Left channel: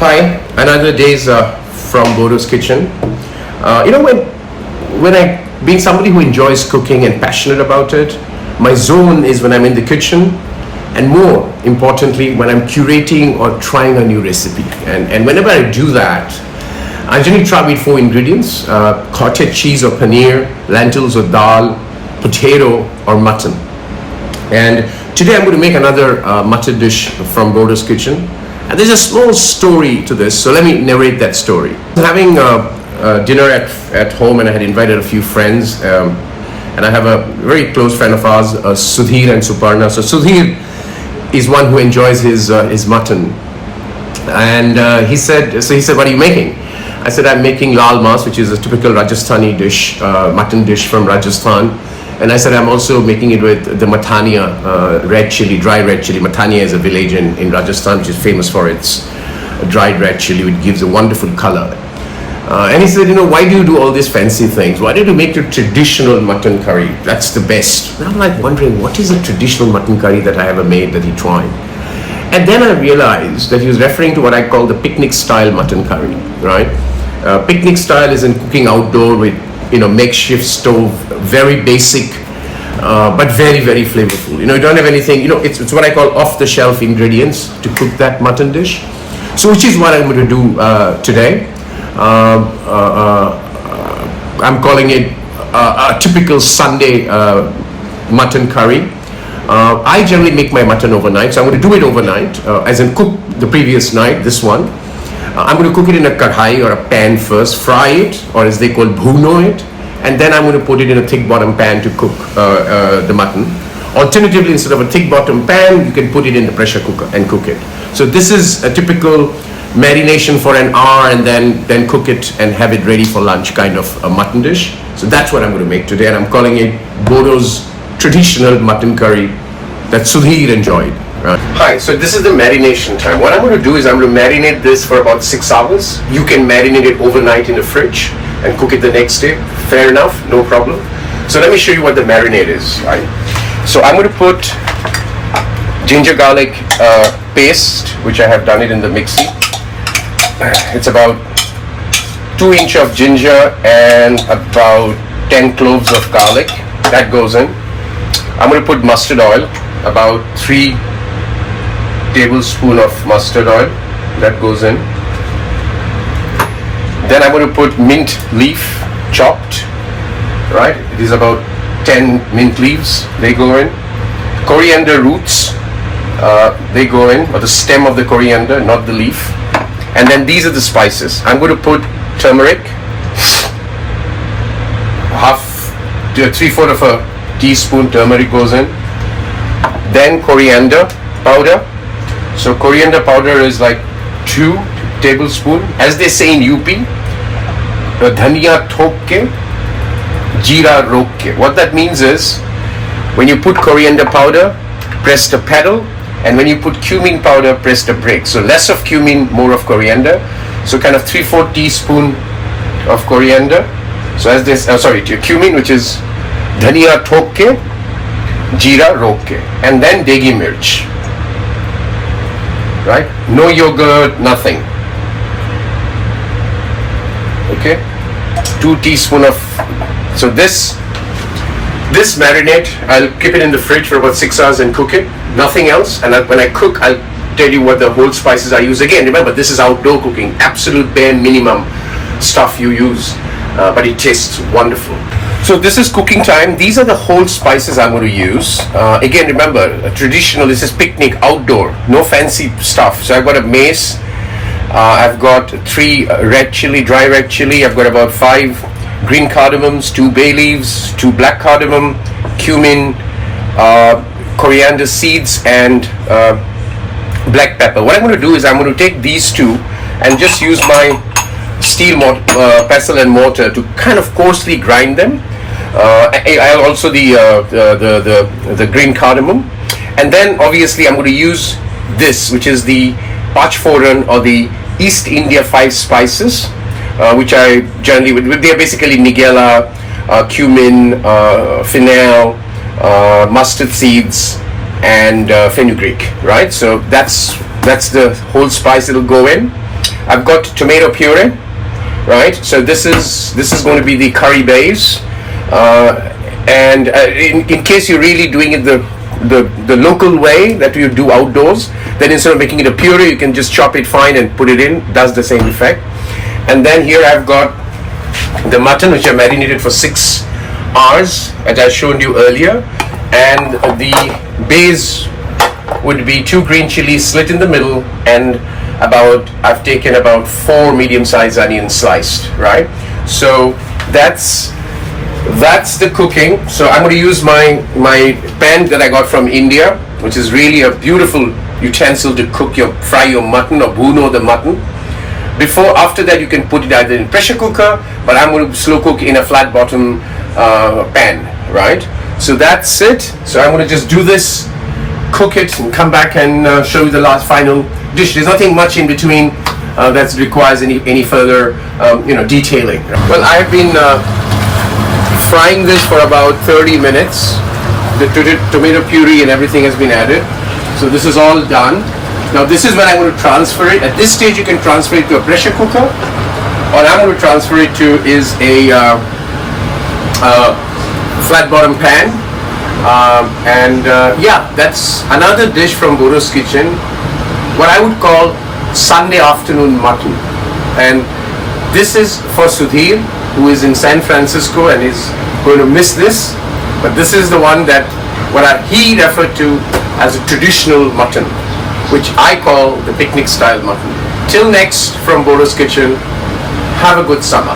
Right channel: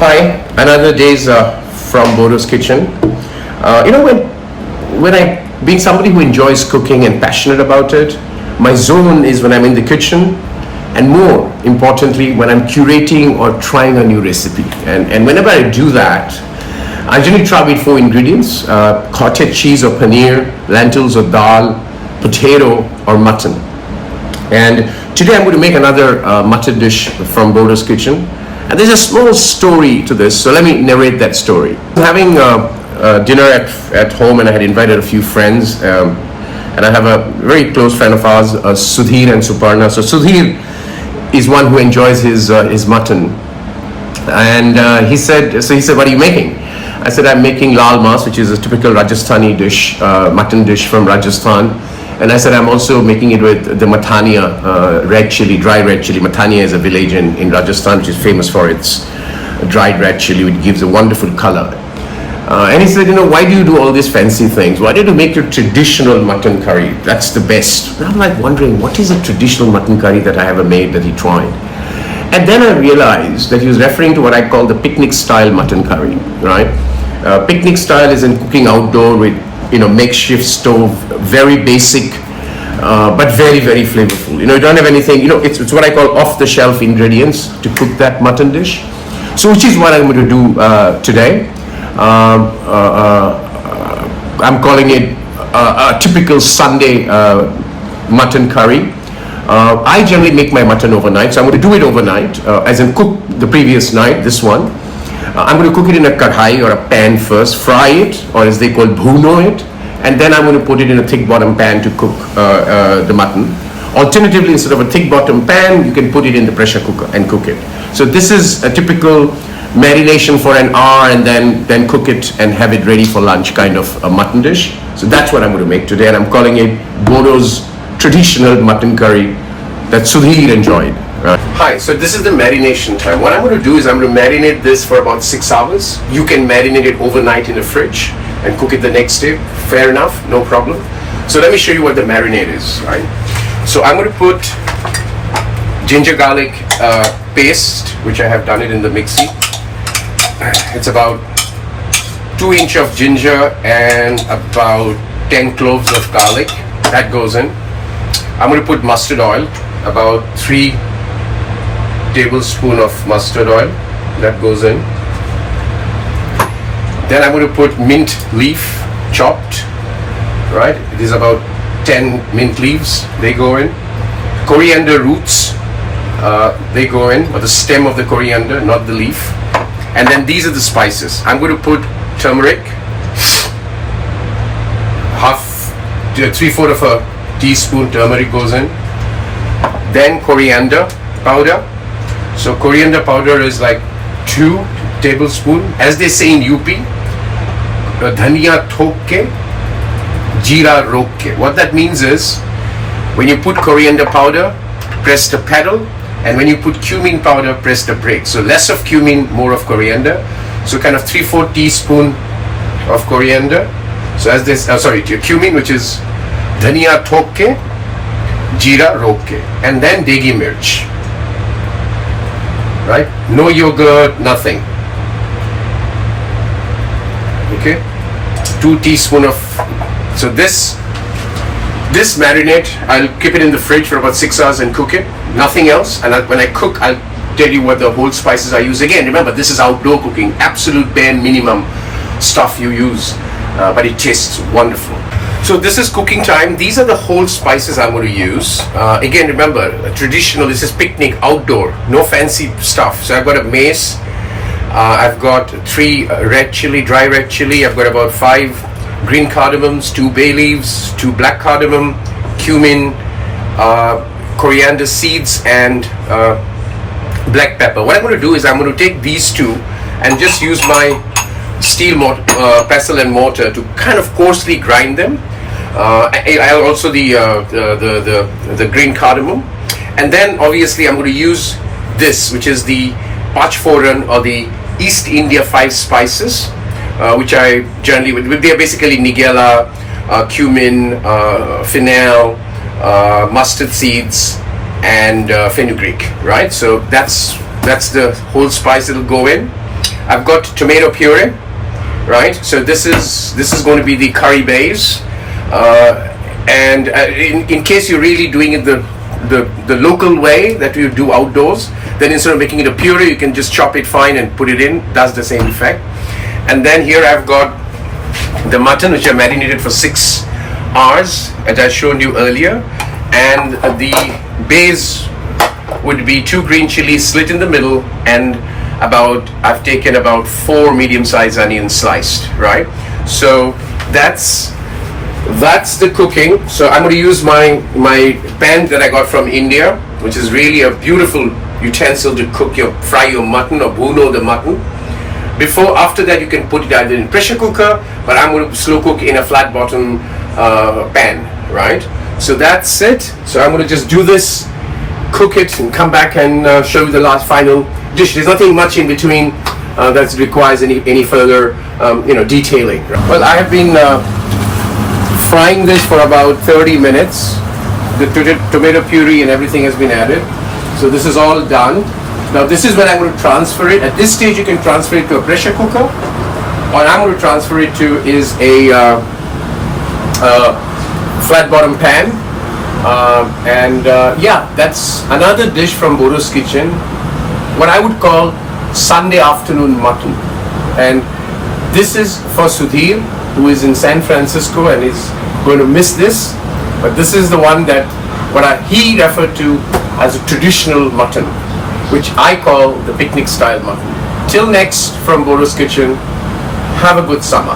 Hi, another day's from Bordo's kitchen. When I, being somebody who enjoys cooking and passionate about it, my zone is when I'm in the kitchen, and more importantly, when I'm curating or trying a new recipe. And whenever I do that, I generally try with four ingredients: cottage cheese or paneer, lentils or dal, potato or mutton. And today I'm going to make another mutton dish from Bordo's kitchen. And there's a small story to this, so let me narrate that story. Having dinner at home, and I had invited a few friends, and I have a very close friend of ours, Sudhir and Suparna. So Sudhir is one who enjoys his mutton, and he said, "What are you making?" I said, "I'm making lal mas, which is a typical Rajasthani dish, mutton dish from Rajasthan." And I said, I'm also making it with the Matania red chili, dry red chili. Matania is a village in Rajasthan which is famous for its dried red chili, which gives a wonderful color. And he said, why do you do all these fancy things? Why don't you make your traditional mutton curry? That's the best. And I'm like wondering, what is a traditional mutton curry that I ever made that he tried? And then I realized that he was referring to what I call the picnic style mutton curry, right? Picnic style is in cooking outdoor with makeshift stove, very basic, but very, very flavorful. You don't have anything, it's what I call off-the-shelf ingredients to cook that mutton dish. So which is what I'm going to do today. I'm calling it a typical Sunday mutton curry. I generally make my mutton overnight, so I'm going to do it overnight, as in cook the previous night, this one. I'm going to cook it in a kadhai or a pan first, fry it, or as they call bhuno it, and then I'm going to put it in a thick bottom pan to cook the mutton. Alternatively, instead of a thick bottom pan, you can put it in the pressure cooker and cook it. So this is a typical marination for an hour and then cook it and have it ready for lunch kind of a mutton dish. So that's what I'm going to make today, and I'm calling it Bordo's traditional mutton curry that Sudhir enjoyed. Hi, so this is the marination time. What I'm going to do is I'm going to marinate this for about 6 hours. You can marinate it overnight in the fridge and cook it the next day. Fair enough, no problem. So let me show you what the marinade is. Right? So I'm going to put ginger garlic paste, which I have done it in the mixie. It's about 2 inch of ginger and about 10 cloves of garlic. That goes in. I'm going to put mustard oil, about 3 tablespoon of mustard oil, that goes in. Then I'm going to put mint leaf, chopped, right? It is about 10 mint leaves, they go in. Coriander roots, they go in, or the stem of the coriander, not the leaf. And then these are the spices. I'm going to put turmeric, 3/4 of a teaspoon turmeric goes in. Then coriander powder. So coriander powder is like 2 tablespoons. As they say in UP, dhaniya thok ke, jeera rok ke. What that means is, when you put coriander powder, press the pedal, and when you put cumin powder, press the brake. So less of cumin, more of coriander. So kind of 3/4 teaspoon of coriander. So as this, cumin, which is dhaniya thok ke, jeera rok ke, and then deghi mirch. Right? No yogurt, nothing. Okay? 2 teaspoons of, so this marinade, I'll keep it in the fridge for about 6 hours and cook it. Nothing else. And when I cook, I'll tell you what the whole spices I use. Again, remember, this is outdoor cooking. Absolute bare minimum stuff you use. But it tastes wonderful. So this is cooking time. These are the whole spices I'm going to use. Again, remember, traditional, this is picnic, outdoor, no fancy stuff. So I've got a mace, I've got 3 red chili, dry red chili, I've got about 5 green cardamoms, 2 bay leaves, 2 black cardamom, cumin, coriander seeds, and black pepper. What I'm going to do is I'm going to take these 2 and just use my steel pestle and mortar to kind of coarsely grind them. I also the green cardamom, and then obviously I'm going to use this, which is the Pachforan or the East India 5 spices, which I generally, they're basically nigella, cumin, fennel, mustard seeds, and fenugreek, right? So that's the whole spice it'll go in. I've got tomato puree, right? So this is going to be the curry base, and in case you're really doing it the local way that you do outdoors, then instead of making it a puree, you can just chop it fine and put it in. Does the same effect. And then here I've got the mutton, which I marinated for 6 hours, as I showed you earlier, and the base would be 2 green chilies slit in the middle, and I've taken about 4 medium-sized onions sliced, right? So that's the cooking. So I'm going to use my pan that I got from India, which is really a beautiful utensil to fry your mutton or bruno the mutton. After that, you can put it either in pressure cooker, but I'm going to slow cook in a flat bottom pan, right? So that's it. So I'm going to just do this, cook it, and come back and show you the last final dish. There's nothing much in between that requires any further detailing. Well, I've been frying this for about 30 minutes. The tomato puree and everything has been added. So this is all done. Now this is when I'm going to transfer it. At this stage you can transfer it to a pressure cooker. What I'm going to transfer it to is a flat bottom pan. Yeah, that's another dish from Bordo's kitchen. What I would call Sunday afternoon mutton. And this is for Sudhir, who is in San Francisco and is going to miss this. But this is the one that he referred to as a traditional mutton, which I call the picnic style mutton. Till next, from Bordo's kitchen, have a good summer.